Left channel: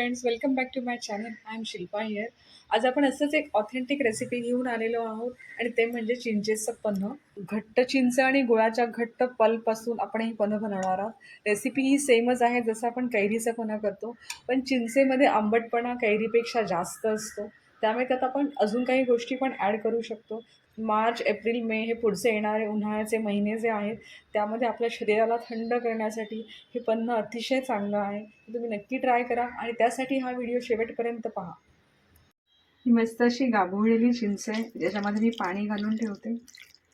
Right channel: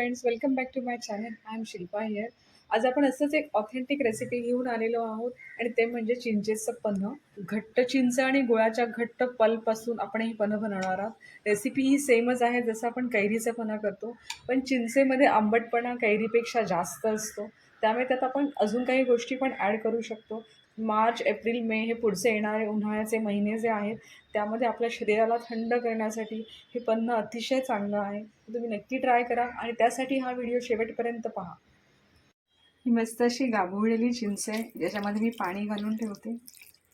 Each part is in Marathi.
Friends welcome back to my channel I am Shilpa here आज आपण असंच एक ऑथेंटिक रेसिपी घेऊन आलेलो आहोत आणि ते म्हणजे चिंचेचं पन्ह. घट्ट चिंच आणि गुळाच्या घट्ट पलपासून आपण ही पन्ह बनवणार आहोत. रेसिपी ही सेमच आहे जसं आपण कैरीचं पन्ह करतो पण चिंचेमध्ये आंबटपणा कैरीपेक्षा जास्त असतो. त्यामुळे त्यात आपण अजून काही गोष्टी पण ॲड करू शकतो. मार्च एप्रिल मे हे पुढचे येणारे उन्हाळ्याचे महिने जे आहेत त्यामध्ये आपल्या शरीराला थंड करण्यासाठी हे पन्न अतिशय चांगलं आहे. तुम्ही नक्की ट्राय करा आणि त्यासाठी हा व्हिडिओ शेवटपर्यंत पहा. ही मस्त अशी गाभोळलेली चिंच आहे ज्याच्यामध्ये मी पाणी घालून ठेवते.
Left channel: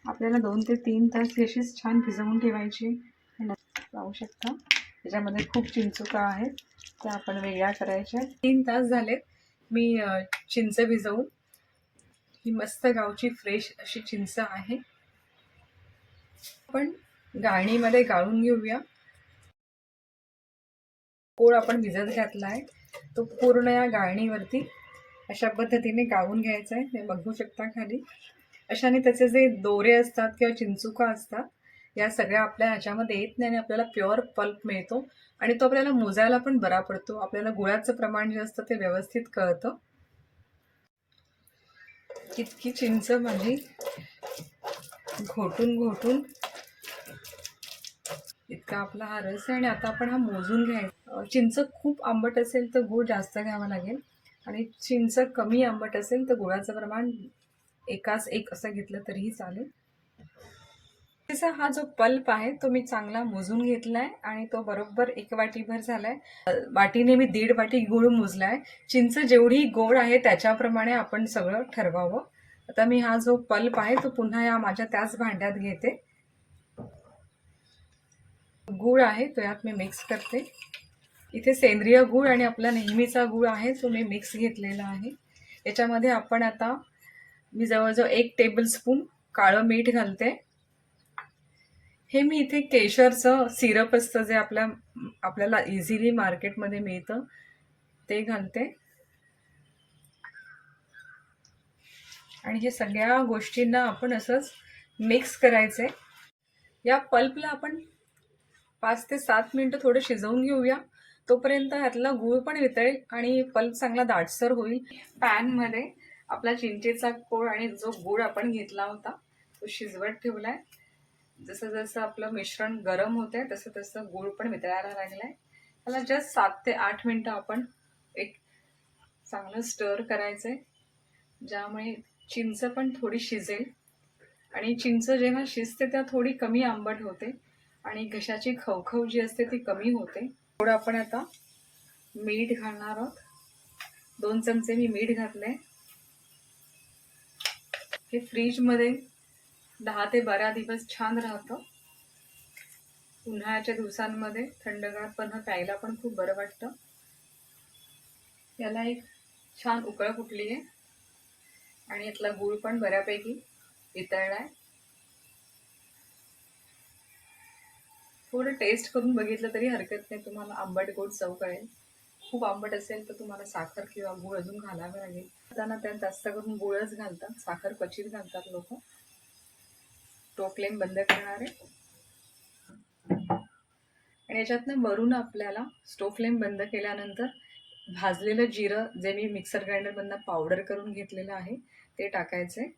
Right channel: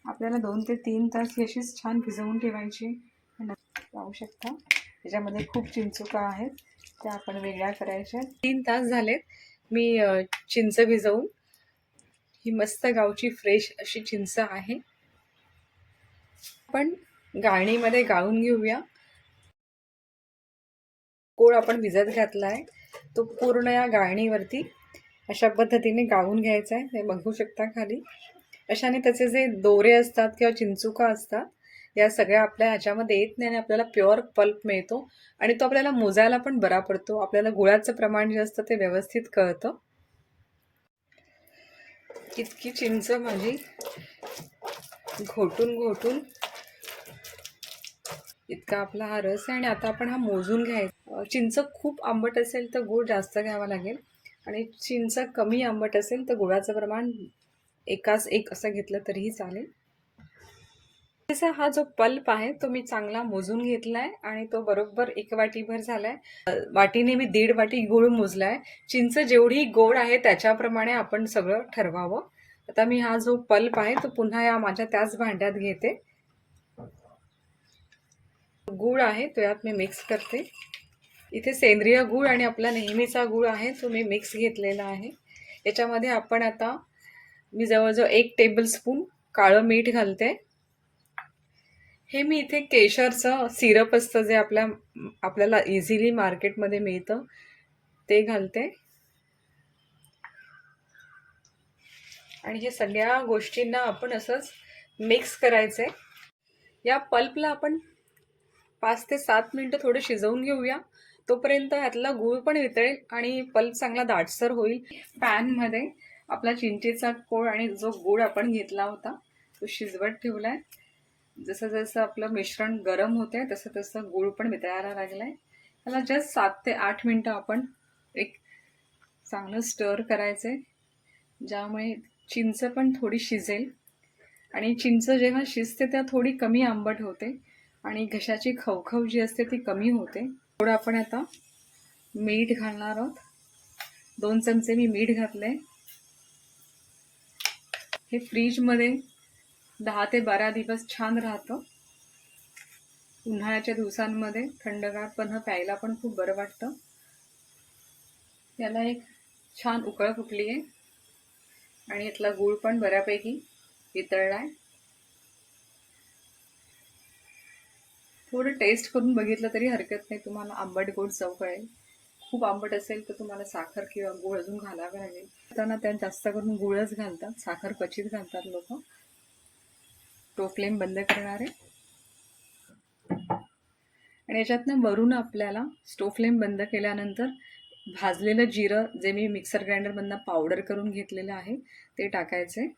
आपल्याला दोन ते तीन तास ही अशीच छान भिजवून ठेवायची. पाहू शकता. त्याच्यामध्ये खूप चिंचुका आहेत त्या आपण वेगळ्या करायच्या. तीन तास झालेत. मी चिंच भिजवून ही मस्त गावची फ्रेश अशी चिंच आहे. आपण गाळणीमध्ये गाळून घेऊया. कोळ आपण भिजत घातला आहे तो पूर्ण या गाळणीवरती अशा पद्धतीने गाळून घ्यायचा आहे ते बघू शकता खाली. अशाने त्याचे जे दोरे असतात किंवा चिंचुका असतात या सगळ्या आपल्या ह्याच्यामध्ये येत नाही आणि आपल्याला प्युअर पल्प मिळतो. आणि तो आपल्याला मोजायला पण बरा पडतो. आपल्याला गुळाचं प्रमाण जे असतं ते व्यवस्थित कळतं. इतकी चिंच माझी घोटून घोटून. इतका आपला हा रस आहे आणि आता आपण हा मोजून घ्यायचा. चिंच खूप आंबट असेल तर गूळ जास्त घ्यावा लागेल. आणि चिंच कमी आंबट असेल तर गुळाचं प्रमाण एकाच एक असं घेतलं तरीही चालेल. त्याचा हा जो पल्प आहे तो मी चांगला मोजून घेतला आहे आणि तो बरोबर एक वाटीभर झाला आहे वाटीने मी दीड वाटी गूळ मोजला आहे चिंच जेवढी गोड आहे त्याच्याप्रमाणे आपण सगळं ठरवावं. आता मी हा जो पल्प आहे तो पुन्हा या माझ्या त्याच भांड्यात घेते. गूळ आहे तो यात मी मिक्स करते. इथे सेंद्रिय गूळ आणि आपला नेहमीचा गूळ आहे तो मी मिक्स घेतलेला आहे. याच्यामध्ये आपण आता मी जवळजवळ एक टेबलस्पून काळं मीठ घालते. हे मी इथे केशरचं सिरप असतं जे आपल्या आपल्याला इझिली मार्केटमध्ये मिळतं. ते घालते. आणि हे सगळ्या गोष्टींना आपण असंच मिक्स करायचं. आहे या पल्पला आपण पाच ते सात मिनटं थोडं शिजवून घेऊया. तोपर्यंत ह्यातला गूळ पण वितळेल आणि पल्प चांगला दाटसर होईल. पॅनमध्ये आपला चिंचेचा कोळ आणि जो गूळ आपण घेतला होता तो शिजवत ठेवला आहे जसं जसं आपलं मिश्रण गरम होत आहे तसं तसं गूळ पण वितळायला लागलं आहे त्याला जस्ट सात ते आठ मिनटं आपण एक चांगलं स्टर करायचं आहे ज्यामुळे चिंच पण थोडी शिजेल. आणि चिंच जेव्हा शिजते तेव्हा थोडी कमी आंबट होते. आणि घशाची खवखव जी असते ती कमी होते. थोडं आपण आता मीठ घालणार आहोत. दोन चमचे मी मीठ घातले हे फ्रीजमध्ये दहा ते बारा दिवस छान राहतं. उन्हाळ्याच्या दिवसांमध्ये थंडगार पण प्यायला पण खूप बरं वाटतं. याला एक छान उकळ फुटली आहे आणि यातला गूळ पण बऱ्यापैकी वितळला आहे थोडं टेस्ट करून बघितलं तरी हरकत नाही. तुम्हाला आंबट गोड चव कळेल. खूप आंबट असेल तर तुम्हाला साखर किंवा गूळ अजून घालावं लागेल. त्यांना त्यात जास्त करून गुळच घालतात. साखर क्वचित घालतात लोक. तो फ्लेम बंद करणार आहे. आणि याच्यातनं वरून आपल्याला स्टोव फ्लेम बंद केल्यानंतर भाजलेलं जिरं जे मी मिक्सर ग्राइंडरमधनं पावडर करून घेतलेलं आहे ते टाकायचं आहे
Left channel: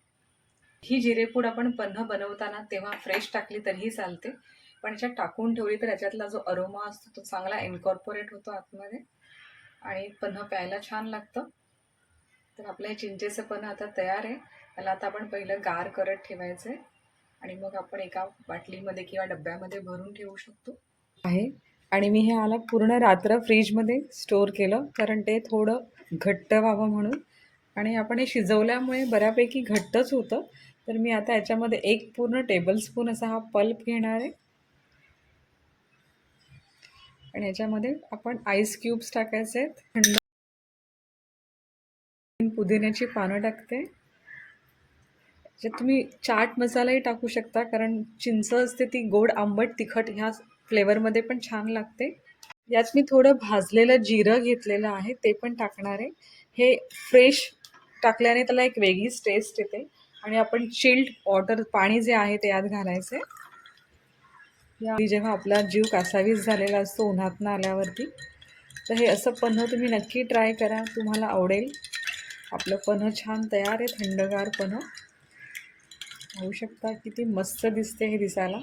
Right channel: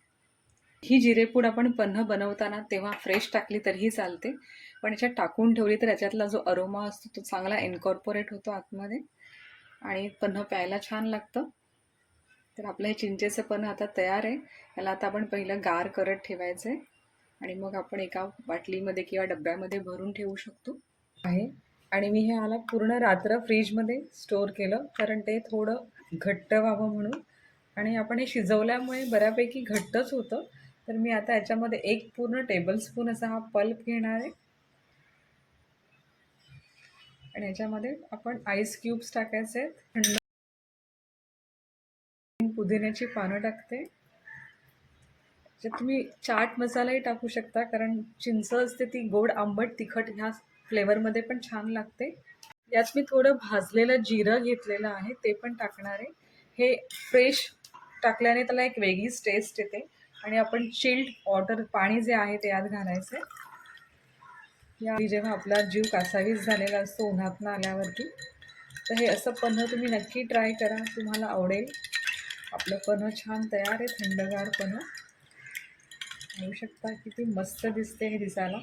ही जिरेपूड आपण पन्ह बनवताना तेव्हा फ्रेश टाकली तरीही चालते. पण याच्यात टाकून ठेवली तर याच्यातला जो अरोमा असतो तो चांगला इन्कॉर्पोरेट होतो आतमध्ये. आणि पन्ह प्यायला छान लागतं. तर आपलं हे चिंचेचं पन्ह आता तयार आहे. त्याला आता आपण पहिलं गार करत ठेवायचं आहे आणि मग आपण एका बाटलीमध्ये किंवा डब्यामध्ये भरून ठेवू शकतो. आहे. आणि मी हे आला पूर्ण रात्र फ्रीजमध्ये स्टोअर केलं कारण ते थोडं घट्ट व्हावं म्हणून. आणि आपण हे शिजवल्यामुळे बऱ्यापैकी घट्टच होतं. तर मी आता याच्यामध्ये एक पूर्ण टेबलस्पून असा हा पल्प घेणार आहे. आणि याच्यामध्ये आपण आईस क्यूब्स टाकायचे आहेत. थंड पुदिन्याची पानं टाकते. त्याच्यात तुम्ही चाट मसालाही टाकू शकता कारण चिंच असते ती गोड आंबट तिखट ह्या फ्लेवरमध्ये पण छान लागते. यात मी थोडं भाजलेलं जिरं घेतलेलं आहे ते पण टाकणार आहे. हे फ्रेश टाकल्याने त्याला एक वेगळीच टेस्ट येते. आणि आपण चिल्ड वॉटर पाणी जे आहे ते यात घालायचं. आहे या जेव्हा आपला जीव कासावीस झालेला असतो उन्हातनं आल्यावरती तर हे असं पन्ह तुम्ही नक्की ट्राय करा. तुम्हाला आवडेल. आपलं पन्हं छान तयार आहे थंडगार पन्ह. पाहू शकता किती मस्त दिसते हे दिसायला.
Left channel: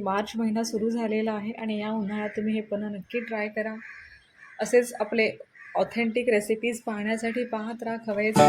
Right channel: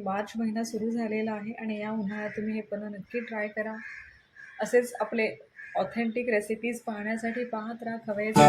मार्च महिना सुरू झालेला आहे आणि या उन्हाळ्यात तुम्ही हे पण नक्की ट्राय करा. असेच आपले ऑथेंटिक रेसिपीज पाहण्यासाठी पाहत राहा. खवयचे